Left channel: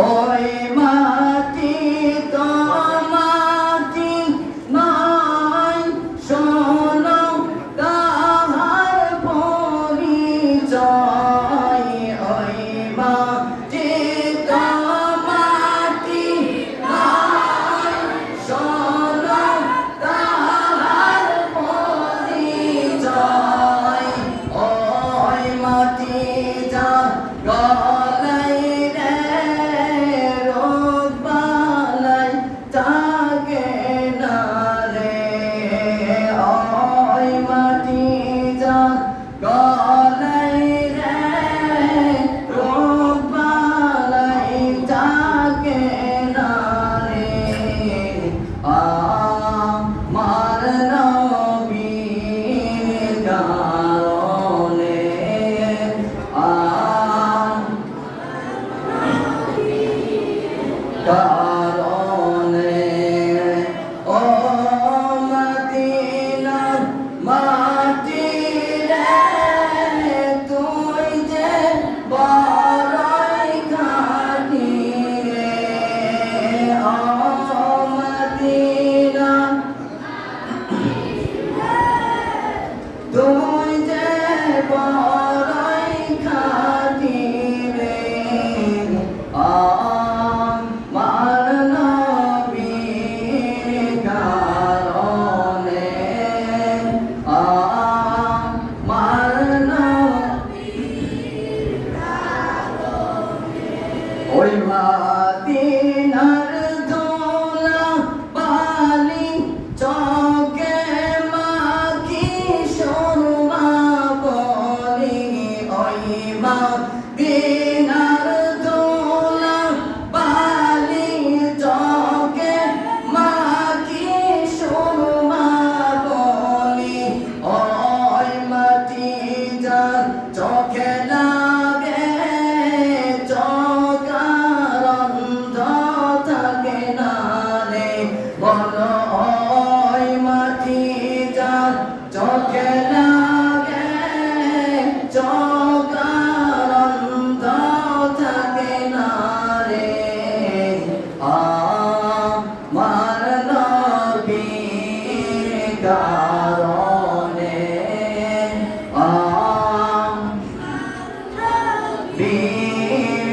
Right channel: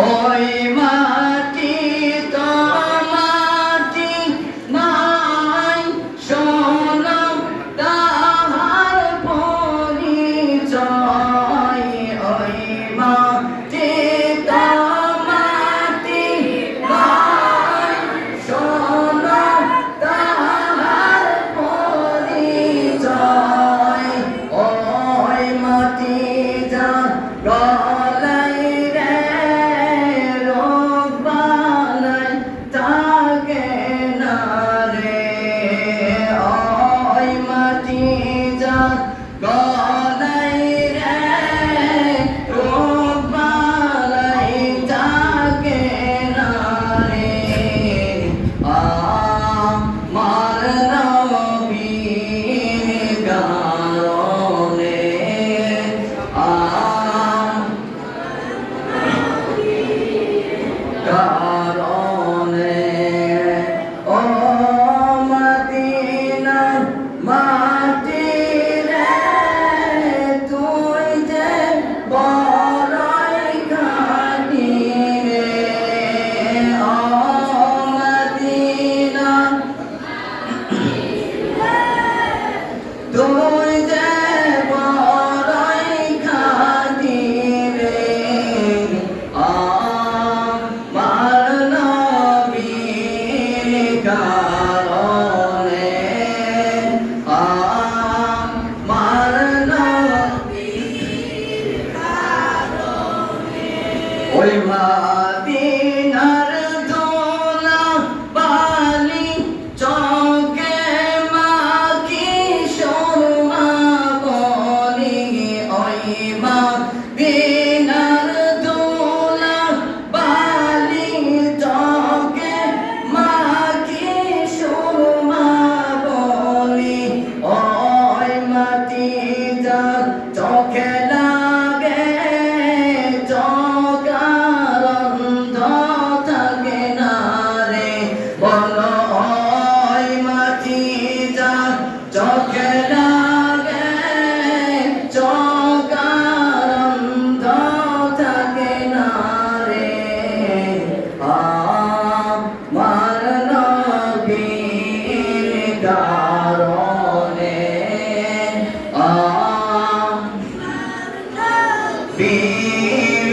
ওই মাটি তো মাটি নাই শোনো তাহার পরিচয় ওই মাটি তো মাটি নাই শোনো তাহার পরিচয় ওই মাটি যা ওই মাদিনার দোলা বালি চকে মাখি সুরমা বলি ওই মাদিনার দোলা বালি চকে মাখি সুরমা বলি ওই মাটি যা চোখে চোখে লাগে চোখারন্ধ থাকে না রে আমার নবীর কারণে বীর